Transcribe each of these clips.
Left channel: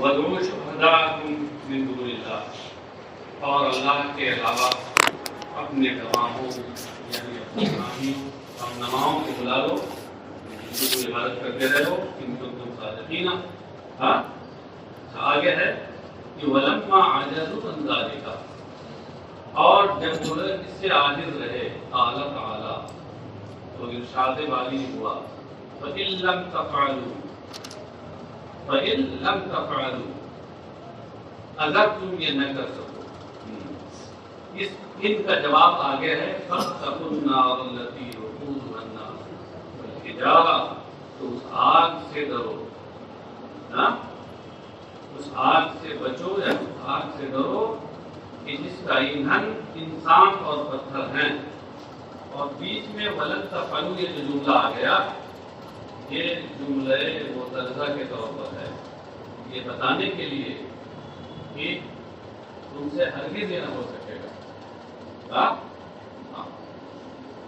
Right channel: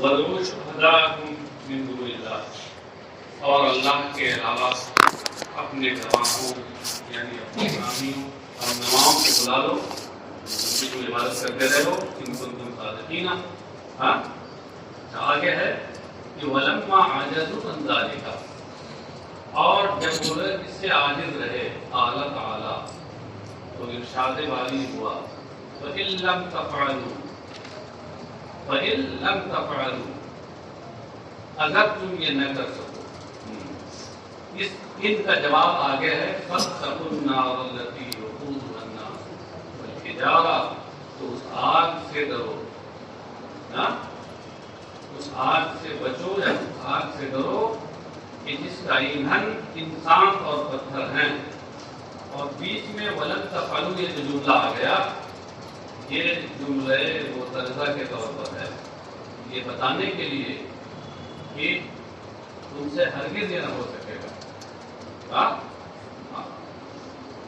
وَادْعُوا شُهَدَاءَكُم مِّن دُونِ اللَّهِ، اور اللہ کے علاوہ اپنے گواہوں یعنی اپنے حامیوں اور نماؤں کو بلا لو، ان کی عبادت کرتے رہو، ان کو تم صادقین۔ ہاں آگے ہے کہ وَلَمَّا عَجَزُوا عَن ذَلِكَ، اور جب وہ اس سے عاجز رہے قَالَ تَعَالَىٰ، تو ارشاد والی ہوا وَإِن لَّمْ تَفْعَلُوا، اگر تم یہ نہ کر سکو، ان کا جواب آگے ہے فَاتَّقُوا النَّارَ الَّتِي وَقُودُهَا النَّاسُ وَالْحِجَارَةُ، تو اس آگ سے ڈرو، اس آگ سے بچو یا اس آگ سے ڈرو کہ جس کا ایندھن انسان اور پتھر ہیں۔ اور بیچ میں وَلَن تَفْعَلُوا یہ جو جملہ آ گیا، یہ جملے معترضہ کے طور پر ہے، یہ بتانے کے لیے کہ تم سے ہرگز یہ نہ ہو سکے گا۔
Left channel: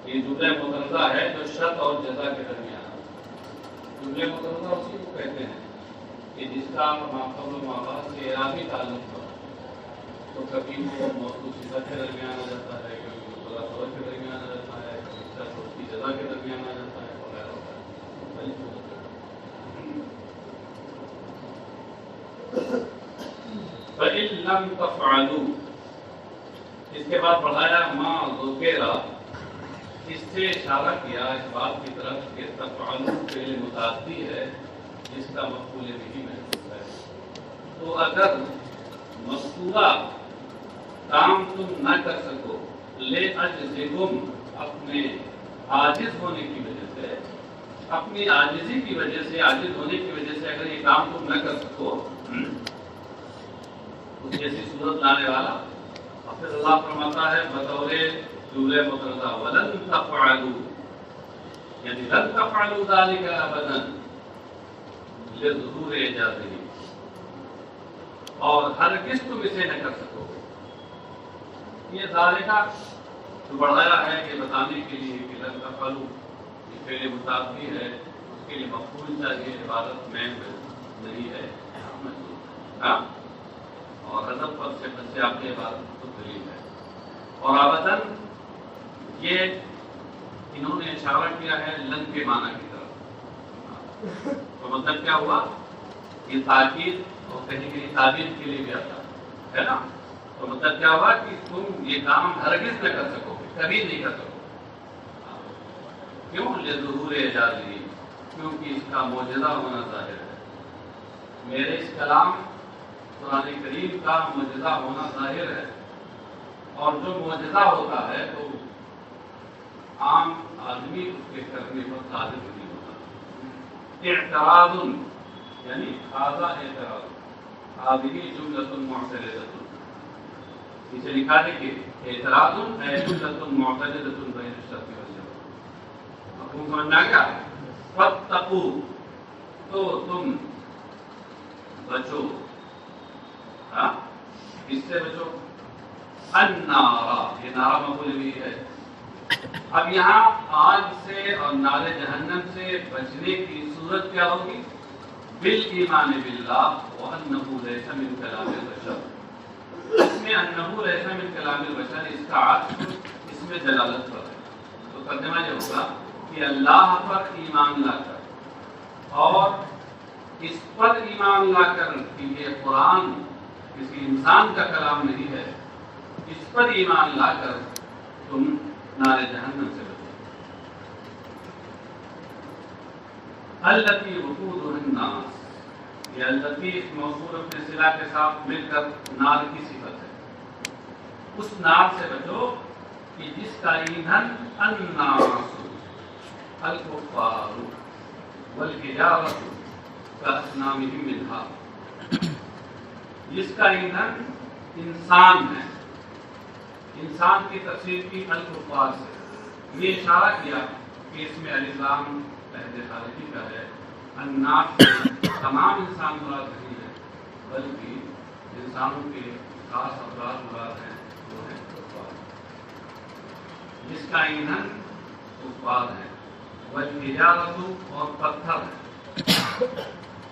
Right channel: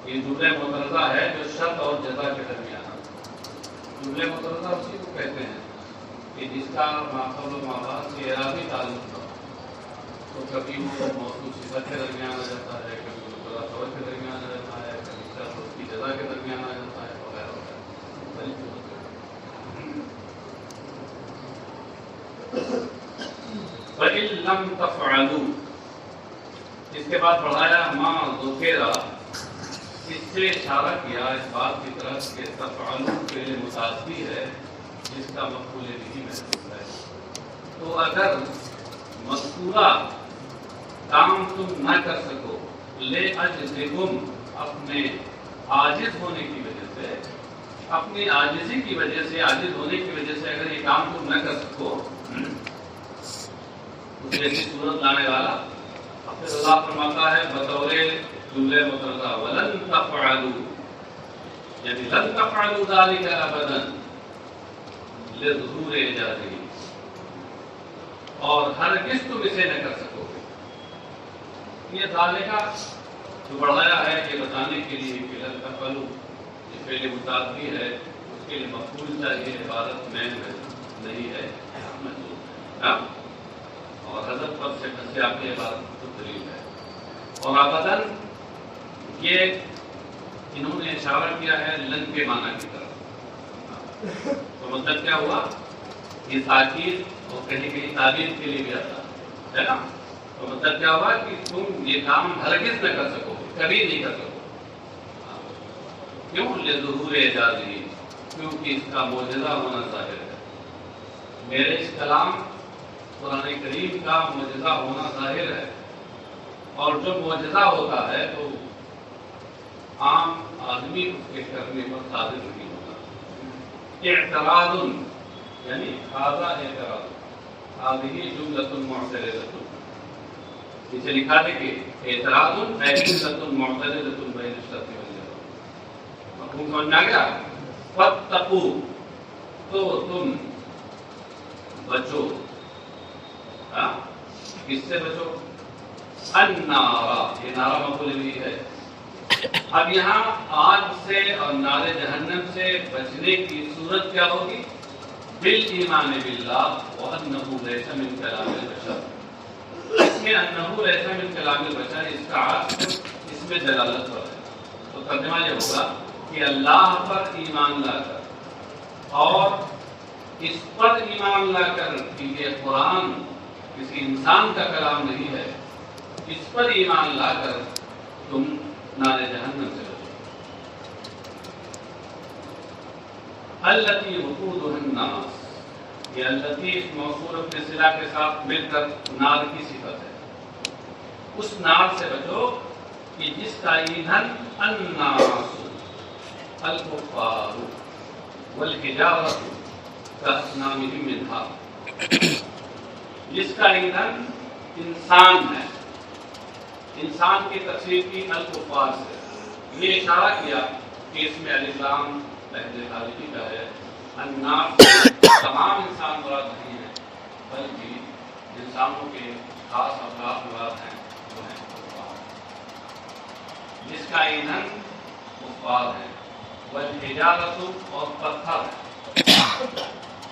یہ جملے معترضہ ہے جو شرط اور جزا کے درمیان، جملے معترضہ اسی کو کہتے ہیں کہ جس کا ماقبل و مابعد سے اعرابی تعلق ہو، تو کبھی وہ موصوف صفت کے درمیان آ جاتا ہے، کبھی مبتدا خبر کے درمیان آ جاتا ہے، کبھی شرط اور اس کی جزا کے درمیان آ جاتا ہے، وغیرہ وغیرہ۔ فَإِن لَّمْ تَفْعَلُوا، اس کے بعد بڑھایا ما ذکر، اس سے اشارہ کیا اس بات کی طرف کہ تفعلوا کے لیے متعدی ہے جس کا مفعول بھی محذوف ہے۔ تو اگر مذکورہ کام تم نہ کر سکو لِعَجْزِكُمْ، اپنے عاجز ہونے کی وجہ سے، اپنی عاجزی کی وجہ سے، عاجز ہونے کی وجہ سے اگر یہ کام تم نہ کر سکو، اس جیسی صورت لانے والا، پھر اللہ فرماتا ہے بطور جملے معترضہ وَلَن تَفْعَلُوا، یعنی لن تفعلوا ذَلِكَ أَبَدًا لِظُهُورِ إِعْجَازِهِ، اور ہرگز تم اسے نہ کر سکو گے۔ یہ ذالکہ جو بڑھایا ہے یہ بتانے کے لیے کہ لن تفعلوا یہ فعل متعدی ہے، اس کے لیے مفعول چاہیے، عبارت میں نہیں ہے، منصوب ہے، اور حذف پر سے آپ کی عبارت کو دلیل ہے۔ اور ابداً یہ انہوں نے اشارہ کیا ہے لن کے معنی کی طرف، تو مطلب کیا ہوا، یہ تاکید اور کہیں کہیں تعلیم کے لیے بھی آتا ہے نا، تو مطلب کیا ہوا کہ تم یہ کام ہرگز نہ کر سکو، کبھی نہیں کر سکو۔ کیوں؟ لظہور اعجازہ، کیونکہ اس کا معجزہ ہونا ظاہر ہے، میرے اس کلام قرآن کریم کا معجزہ ہونا ظاہر ہے، اور جو معجزہ ہوتا ہے تو عام آدمی اس کے کرنے پر قادر نہیں ہوتا۔ اعتراض یعنی هذا اعتراض، هذه جملۃ معترضۃ، اسے لکھا ہے کہ اعتراض ہے جملۃ معترضۃ بین الشرط والجزاء۔ مفہوم سمجھ میں آ گیا؟ فاتقوا، تو تم بچو، کس سے بچو؟ النار، یہ نارا مفعول بھی ہے۔ اب یہاں آگ سے اور نار جہنم سے بچنے کی صورت کیا ہوگی؟ بالایمان باللہ وانہ لیس من کلام البشر، اس میں انہ لیس من کلام البشر، اس کا عکس اس میں دلالت پر ہے، تو ترجمہ یہ ہوگا کہ اللہ پر ایمان لا کر، اور اس پر ایمان لا کر کہ یہ قرآن کسی انسان کا کلام نہیں ہے، اس پر ایمان لا کر تم نار جہنم سے بچو۔ التی وقودها الناس، یہ التی موصول اپنے صلہ کے ساتھ مل کر نار کی صفت ہے، اس نار سے بچو کہ جس کا ایندھن الناس الکفار والحجارۃ کاصنامہم منہا، جس کا ایندھن انسان ہے، انسان کی تفسیر کی الکفار سے، یہ اشارہ کیا کہ اس میں الف لام لہجے خارجی کا ہے، الناس تمام انسان مراد نہیں ہے، بلکہ انسانوں کے خاص افراد مراد ہیں، وہ ہیں کفار، جس کا ایندھن کفار ہے، والحجارۃ اور پتھر،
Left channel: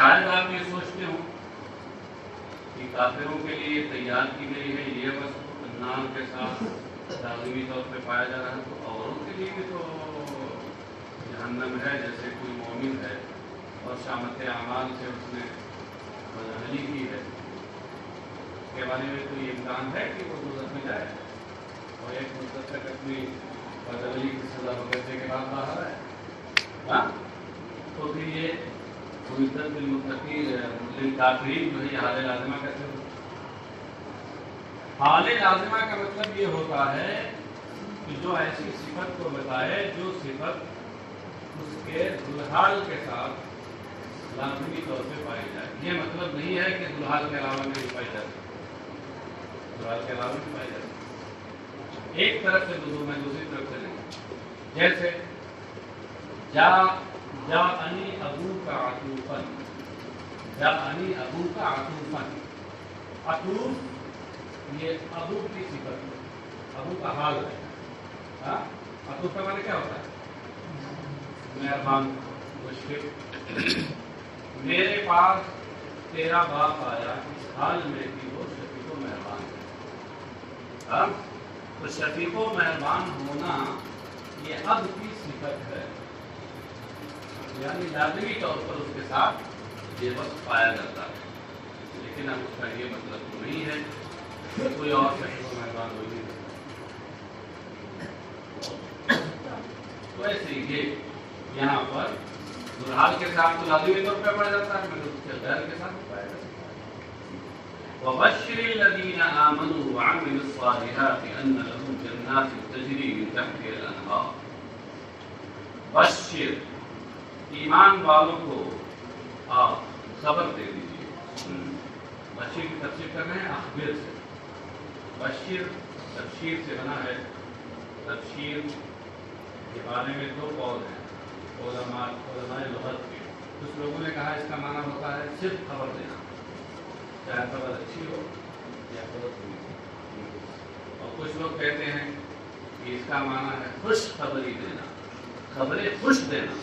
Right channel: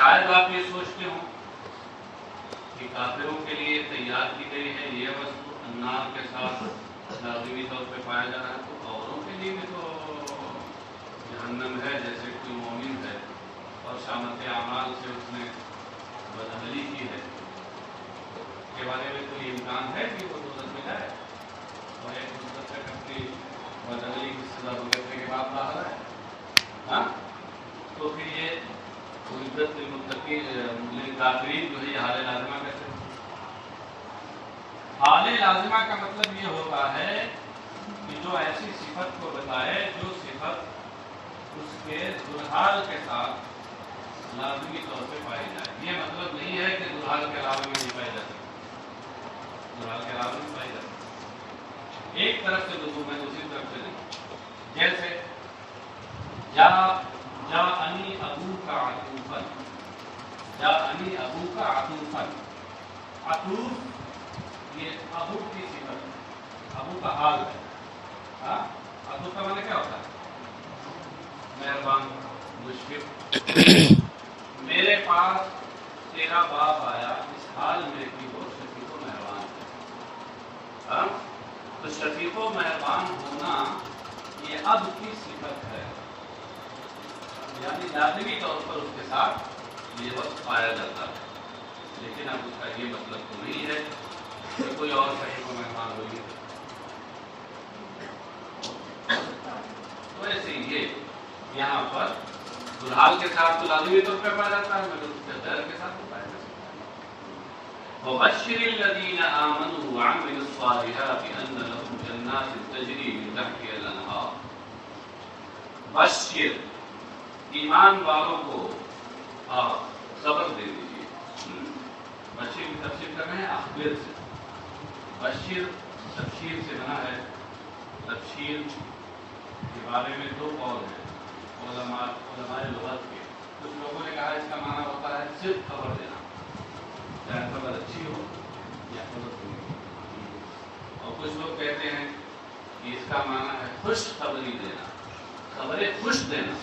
شاید آپ یہ سوچتے ہوں کہ کافروں کے لیے تیار کی گئی ہے یہ بس نام کے ساتھ لازمی طور پہ پایا جا رہا ہے، تو اوروں کے لیے بھی تو جہنم ہے، جیسے کوئی مومن ہے اور شامت اعمال سے اس نے بدعملی کی ہے، اس کے بارے میں کوئی امکان ہے کہ وہ دوزخ میں جائے اور ایک مدت تک اپنی بدعملی کی سزا بھگتنے کے بعد باہر آئے؟ ہاں، تو پھر یہ عزت للمتقین کافرین جو ہے حال لازمہ کیسے ہوتا ہے؟ حال لازمہ کا مطلب یہ ہوتا ہے کہ جو ایسی صفت کو بتائے جو صفت اس کے ذوالحال کے ساتھ لازمی طور پہ پائی جائے. یہ مطلب نہیں ہے کہ ذوالحال کے علاوہ میں نہیں پائی جاتی، ذوالحال کے علاوہ میں پائی جاتی. ایک طرف سے میں دوسری طرف سے نہیں. جیسے جاءنی ابوک عطوفا، جاءنی ابوک عطوفا. عطوف یہ ابو کی صفت ہے، ابو کا حال ہے. عطوف کا معنی کیا ہوتا ہے؟ مہربان، مشفق. میرے پاس تیرا باپ آیا اس حال میں کہ وہ شفیق و مہربان ہے. تو شفیق و مہربان ہونا یہ اب کی صفت ہے، یعنی لازمی طور پر اس کے ساتھ یہ وقت پایا جاتا ہے. لیکن اب اس کا یہ مطلب تو نہیں ہے کہ کوئی اور شفیق و مہربان ہوگی. تو ایسے یہ یہاں پر ذوالحال کے ساتھ تو لازمی طور پر پایا جاتا ہے، مگر اس کے غیر کے ساتھ پایا جاتا ہے. وَبَشِّرِ الَّذِينَ آمَنُوا وَعَمِلُوا الصَّالِحَاتِ أَنَّ لَهُمْ جَنَّاتٍ تَجْرِي مِن تَحْتِهَا الْأَنْهَارُ. بشر، ایمان والوں کو آپ خبر دے دیجیے. بشیر کی تفسیر کر رہے ہیں اخبر سے. بشیر تفسیر سے بنا ہے. تفسیر کے بارے میں دو قول ہیں علماء لغت کے. کچھ لوگوں نے کہا اس کا معنی ہوتا ہے صرف خبر دینا، چاہے خبر اچھی ہو یا خبر بری ہو. اور کچھ لوگ کہتے ہیں کہ اس کا معنی ہے خوش خبری دینا، خبریں خوش دینا،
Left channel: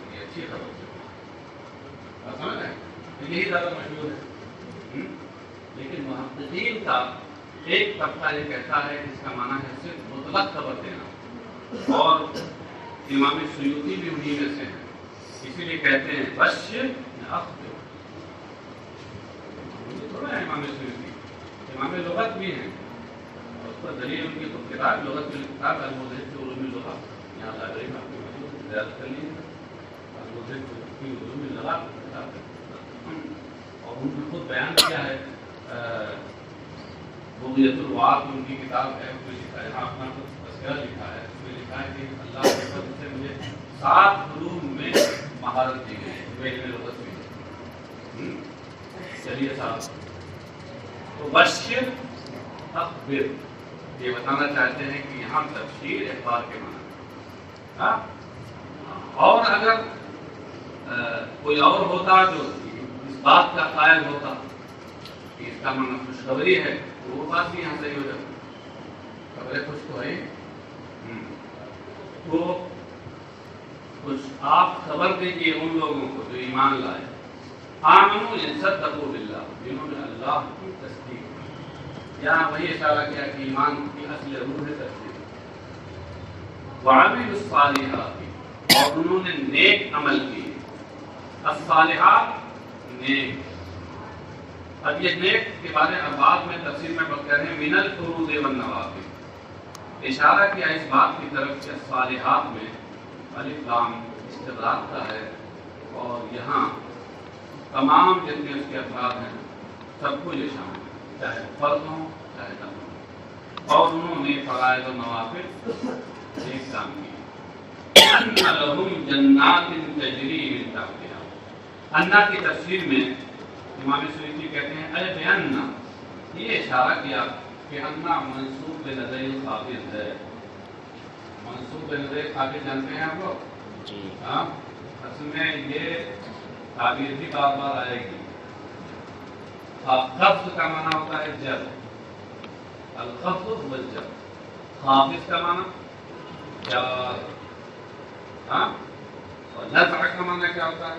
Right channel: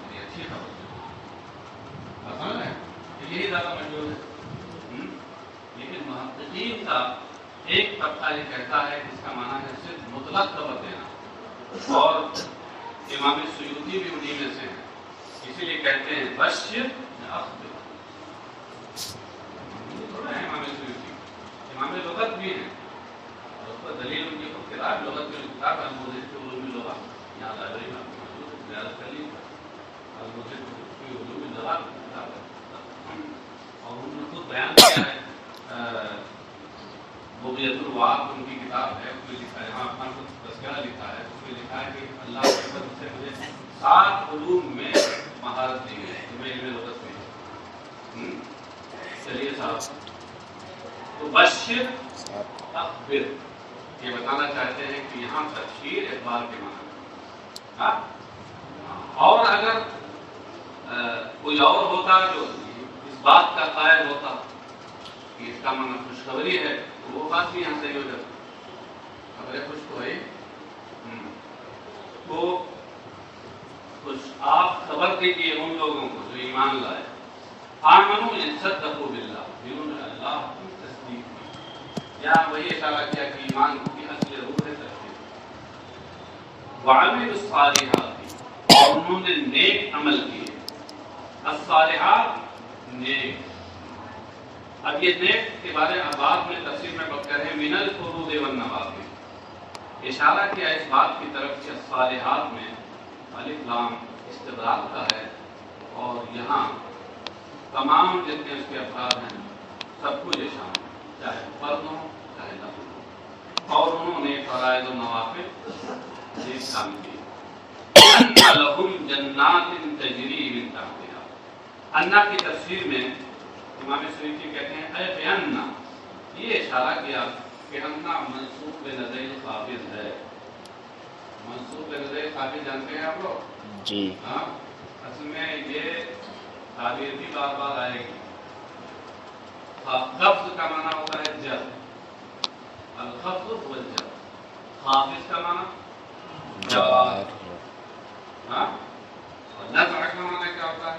یعنی اچھی خبر. سمجھ ہے یہی زیادہ مشہور ہے. لیکن محققین کا ایک طبقہ یہ کہتا ہے کہ اس کا معنی ہے صرف مطلق خبر دینا، اور امام سیوطی بھی انہی میں سے ہیں، اسی لیے کہتے ہیں بشر اخبر. امام سیوطی امام لغت بھی ہیں، اس پر دلیل ان کی خود کتاب لغت کی کتاب الموضح فی علوم اللغت، یہاں لائبریری میں اپنی مطلوب زیادہ کر لی الموضح فی علوم اللغت. اور انہوں نے خود بیان کیا ہے، بغیت الوعاد ان کی کتاب ہے، اس میں لکھا ہے، یہاں اپنا خود تذکرہ لکھا ہے، اس میں لکھا ہے کہ اللہ کے فضل سے مجھے 7 علوم میں مہارت دی ہے، علم لغت میں. چلیے صاحب، تو بشر اخبر یہ بتانا چاہتے ہیں کہ یہاں تبشیر اخبار کے معنی. اور اگر کوئی اور ہوتا جو اس بات کا قائل ہوتا کہ اس کا معنی خوشخبری ہے تو وہ بات بھی یہاں صحیح ہو جاتی. خبریں خوش تو ہے تو خوش آپ خبر دیجیے ان لوگوں کو جو ایمان لائے. آمنوا ان صدقوا باللہ، جنہوں نے اللہ کی تصدیق کی. یہاں وہی اشارہ کیا کہ ایمان کی اصل روح ہے تصدیق. وعملوا الصالحات، اور انہوں نے نیک عمل کیے. الصالحات نیک. اب یہ نیک کے بارے میں بعد میں تفسیر میں بات کریں. من الفروض والنوافل، اشارہ کیا اس بات کی طرف سے الصالحات میں الف لام استغراق کا ہے، اور یہاں تمام جتنے اس کے افراد ہیں سب کو یہ شامل، چاہے فرض ہوں چاہے نفل ہوں. اور انہوں نے فرائض و نوافل نیک کام کیے. ان لہم جنات تجری من تحتها، انا کی تفسیر میں امام سیوطی کہتے ہیں اے بیاننا، یہ اشارہ کیا کہ انا منصوب بنظر خافض ہے. منصوب بنظر خافض جانتے ہیں آپ لوگ؟ جی ہاں. اصل میں یہ تعبیر بھی بار بار آئے گی. خفض کا معنی ہوتا ہے جر، الخفض هو الجر. خافض کا معنی جار، ہاں. اور نزع کا معنی کیا ہوتا ہے؟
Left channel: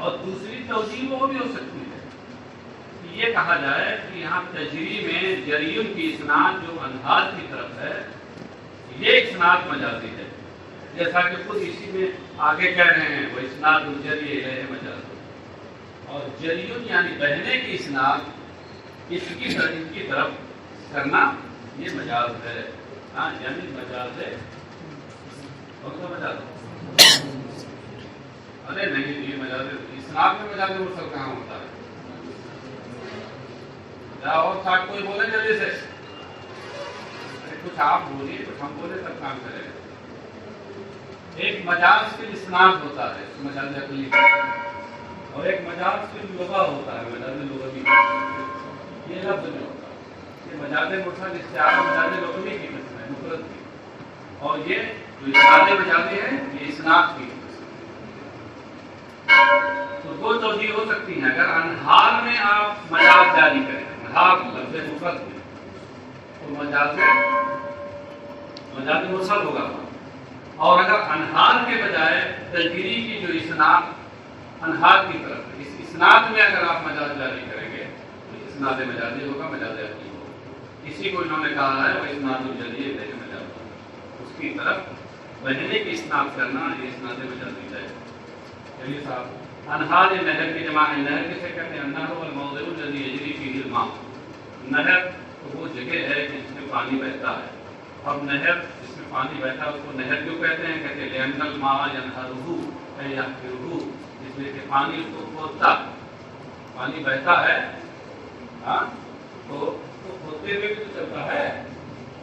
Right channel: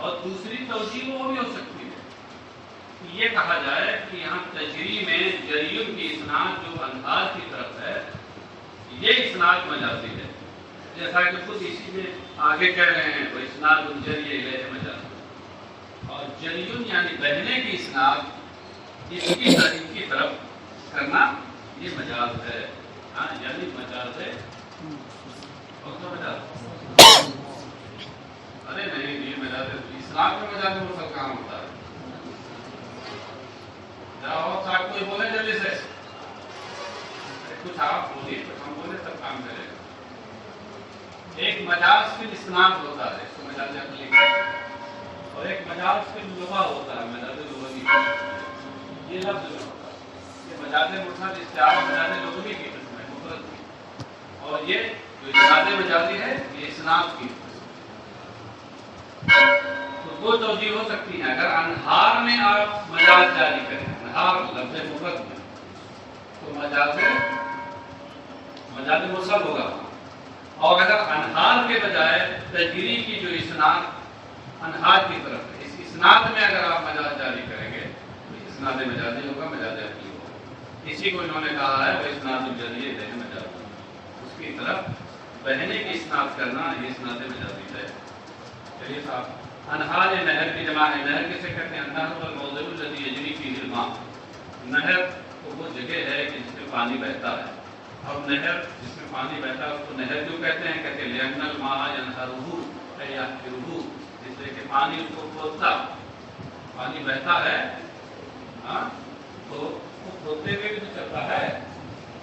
اور دوسری توجیہ وہ بھی ہو سکتی ہے کہ یہ کہا جائے کہ یہاں تجری میں جریون کی اسناد جو انہار کی طرف ہے یہ اسناد مجازی ہے، جیسا کہ خود اسی میں آگے کہہ رہے ہیں وہ اسناد الجری ہے مجاز، اور جریون یعنی بہنے کی اسناد اس کی طرف کرنا یہ مجاز ہے، ہاں یعنی مجاز ہے۔ اور تو مجاز ارے نہیں جی مجاز اسناد میں مجاز مرسل کہاں ہوتا ہے؟ کیا اور صاحب کوئی بولے جلدی سے، کچھ آپ بولیے تو ہم بولے تب کام کریں۔ ایک مجاز فی الاسناد ہوتا ہے، اس کو مجاز عقلی، اور ایک مجاز فی اللغہ ہوتا ہے، مجاز لغوی، یہ لفظ میں ہوتا ہے۔ یہ مجاز مرسل استعارہ مجاز لغوی کی مفرد کی، اور یہ جو اسناد مجازی ہے یہ اسناد کی۔ تو دو توجیہ ہو سکتی ہیں، اگر انہار میں آپ مجاز جاری کریں، انہار لفظ مفرد میں، تو مجاز مرسل ہوگا، اور اگر انہار کے بجائے تجری کی جو اسناد انہار کی طرف ہے، اس اسناد میں اگر آپ مجاز جاری کریں گے تو اسناد مجازی ہوگا، مجاز عقلی ہوگا۔ اسی کو انہوں نے کہا ہے وہ اسناد الجری ہے مجازی، اس کی طرف بہنے کی اسناد کرنا یہ اسناد مجازی ہے۔ چلیے صاحب، انہار نہر کی جمع ہے، نہر کسے کہتے ہیں؟ النہر الموضع الذی یجری فیہ الماء، نہر تو وہ جگہ ہے جس میں پانی بہتا ہے، اور نہر جس میں پانی بہتا ہے اس کو نہر کیوں کہتے ہیں؟ کہتے ہیں لأن الماء ينهره أي يحفره، اس لیے کہ پانی اس کو کھودتا، پانی بہتا ہے ہاں تو وہ کھودتے ہوئے بھی تو چلتا ہے۔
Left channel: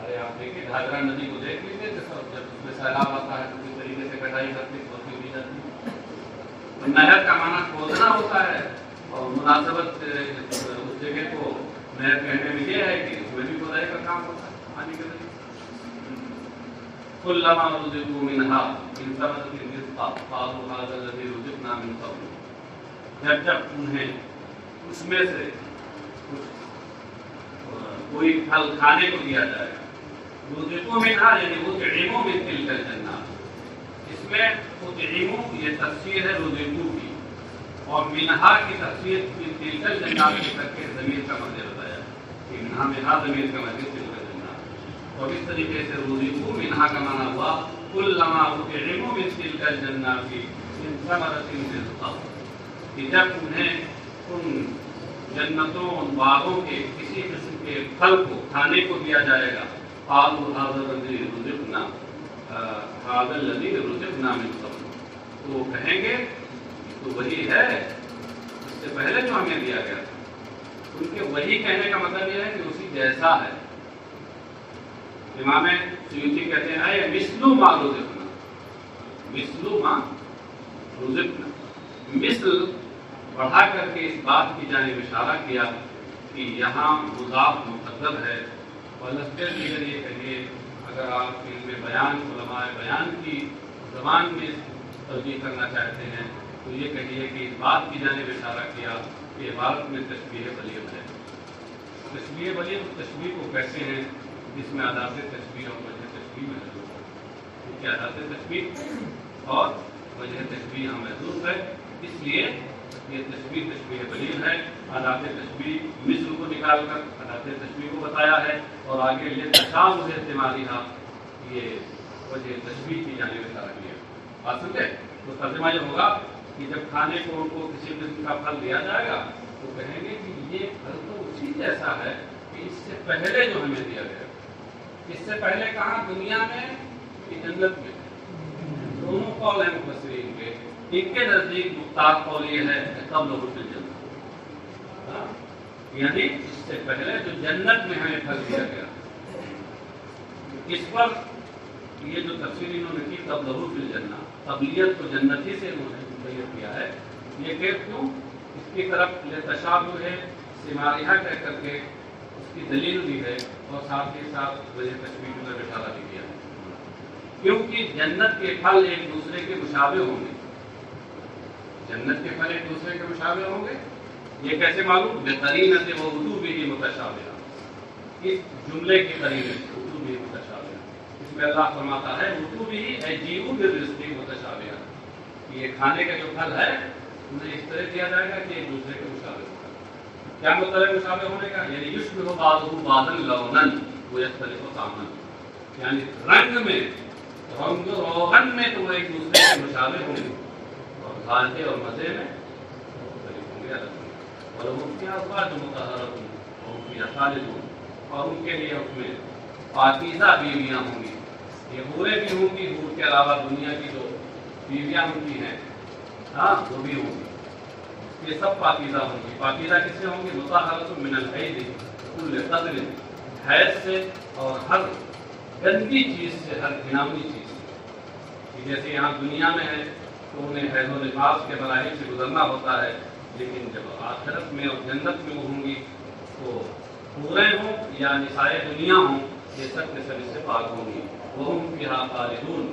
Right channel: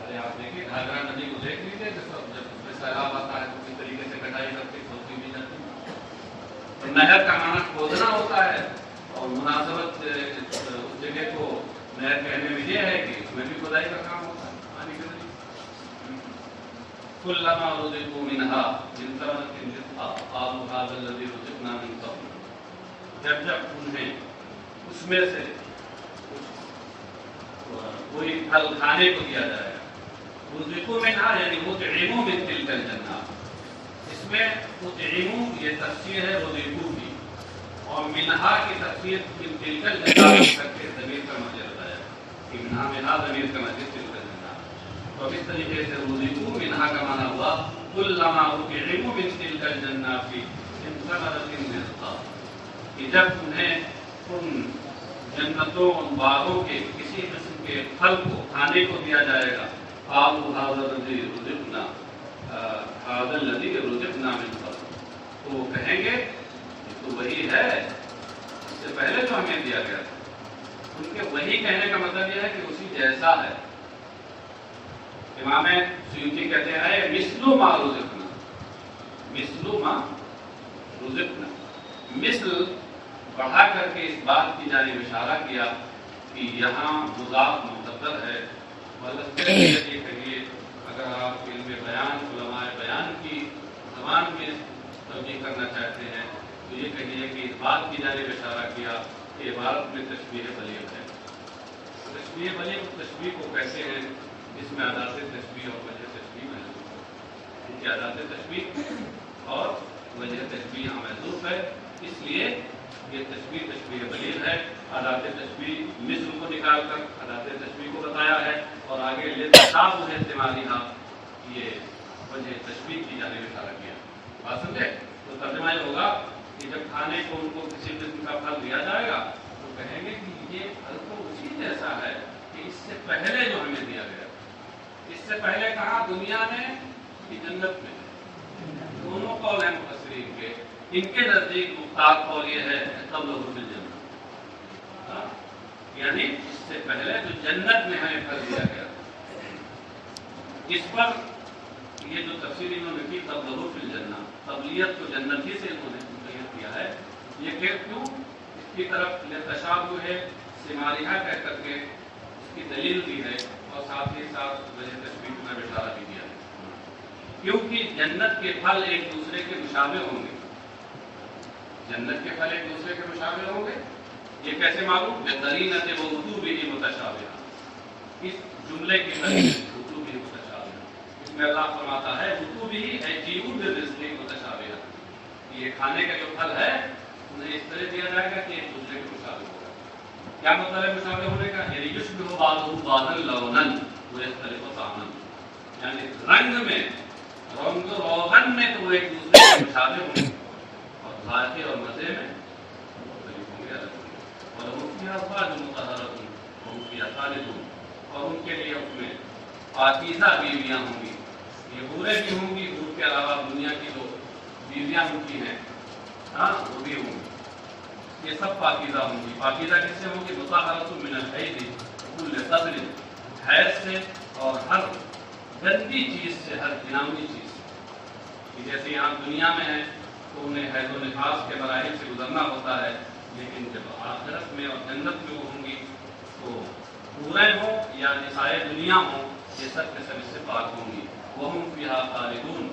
ارے آپ دیکھیے گھاگرا ندی کو دیکھ لیجیے، جس میں سیلاب آتا ہے تو کس طریقے سے کٹائی کرتے کھودتی بھی جاتی ہے۔ نہر کا معنی کھودنا ہوتا ہے، اور مناسبت اس جگہ کو نہر کہنے میں یہ ہے کہ اس میں بھی کھدائی کا کام ہوتا ہے پانی کے ذریعے۔ كلما رزقوا منها من ثمرة رزقا قالوا هذا الذي رزقنا من قبل، جب انہیں اس میں سے کوئی پھل کھانے کو دیا جائے گا، رزقوا منها یعنی مطعموا من تلك الجنات، اس میں مطعموا یہ تفسیر ہے رزقوا کی، اور منہا کی تفسیر من تلك الجنات کر کے ضمیر کا مطلب ہوتا ہے کہ منہا منہا ضمیر کا مطلب اور اس طریقے سے رزقوا منہا کا معنی ہوا کلما رزقوا من تلک الجنات من ثمرۃ رزقا، کہ جب انہیں ان جنتوں ان باغوں کے کسی قسم کے پھل کو کھانے کو دیا جائے گا، قالوا هذا الذی رزقنا هذا الذی رزقنا من قبل، تو وہ کہیں گے تو وہی ہے اس سے پہلے جو ہمیں دیا گیا تھا۔ ان کے وہی کہنے کا مطلب یہ ہے کہ اسی جیسا ہے۔ امام سیوطی کہتے ہیں اے مثل ما رزقنا، مثل ما رزقنا، مثل بڑھا کر کے اس بات کی جانب اشارہ کیا کہ یہاں مضاف مقدر ہے، یہ کہیے اگر آپ ان میں بیان علماء بیان کی زبان میں توجیہ کرنا چاہتے ہیں تو یہ کہیے کہ اس بات کی جانب اشارہ کیا کہ عبارت میں تشبیہ بلیغ ہے۔ تشبیہ بلیغ تشبیہ کو کہتے ہیں جس میں ادات تشبیہ اور وجہ تشبیہ محسوس ہے، ان کی ادات تشبیہ اور وجہ تشبیہ محسوس ہے، اس لیے یہ تشبیہ بلیغ ہے۔ ادات تشبیہ مثل کو نکال کر ادات تشبیہ کو بتایا ہے، اور آگے لتشابہ میں استعمالی تھا، یہ وجہ تشبیہ کی جانب اشارہ کیا۔ بات سمجھے؟ تو ترجمہ یہ ہوگا کہ جب کھانے کو ان کو کسی قسم کا پھل دیا جائے گا تو کہیں گے کہ یہ پھل تو اسی جیسا ہے کہ اس سے پہلے جو ہمیں دیا گیا، اس سے پہلے کہاں؟ دنیا میں کہ جنت میں؟ دونوں قول ہیں مفسرین کے، ان کے نزدیک مختار قول یہ ہے کہ قبل حضور الجنت، یعنی اس سے پہلے جو جنت میں ہمیں پھل دیا گیا۔ اس پر یہ جو تفسیر انہوں نے کی قبل حضور الجنت، قبلیت کو جنت ہی سے انہوں نے مقید کیا ہے، یہ کہ کیوں؟ اس کی طرف یہ تشابہ ہے سماریہ کہہ کر کے اس کی دلیل بھی ہے، اور ساتھ ہی ساتھ وجہ تشبیہ میں اشارہ بھی کیا ہے، کیونکہ جنت کے پھل ایک دوسرے کے مشابہ ہوں گے، جنت کے پھل ایک دوسرے کے مشابہ ہوں گے۔ یہ کیسے معلوم؟ بقرینۃ ووجوبہ متشابہ، اس جملے کی قرینہ وجوبہ متشابہ، اس میں اللہ فرماتا ہے وجوبہ ای جیء بالرزق متشابہ، یہ کھانے کا جو پھل ہے انہیں اس طرح دیا جائے گا کہ ایک دوسرے کو مشابہ ہوگا. کیا مطلب مشابہ ہونے کا؟ یعنی یشبہ بعضہ بعضا لونا ویختلف طعما، یعنی رنگ میں، رنگ روغن میں تو وہ ایک دوسرے کے مشابہ ہوں گے، اور ذائقے اور مزے میں اور مفتی ازواج مطہرۃ مفتی خالدون، اور ان کے لیے اس میں پاکیزہ بیویاں ہوں گی. یہ حوریں بھی ہوں گی، حور کے علاوہ دنیا کی جو بیویاں ہوتی ہیں ہاں وہ بھی ہوں گی. یہ سب پاکیزہ ہوں گی. پاکیزہ کس سے ہوں گی؟ مطہرۃ من الحیض کل قدر، حیض سے اور ہر گندی چیز سے، ہر گناوی چیز سے. جیسے یہاں دنیا میں ہے تو انہیں حیض و نفاس کے مراحل سے گزرنا ہوتا ہے، لیکن جب آخرت میں اور جنت میں وہ ہوں گی تو حوریں ہوں یا نسائے دنیا ہوں، یہ سب کے سب اس سے پاک ہوں گی. وَهُمْ فِيهَا خَالِدُونَ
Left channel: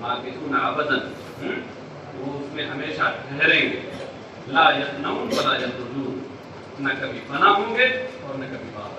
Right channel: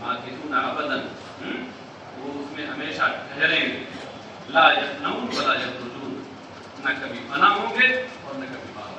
مَاكِثُونَ أَبَدًا، وہ اس میں ہمیشہ ٹھہریں گے. لا يَفْنَوْنَ وَلَا يَخْرُجُونَ، نہ کبھی فنا ہوں گے اور نہ کبھی باہر.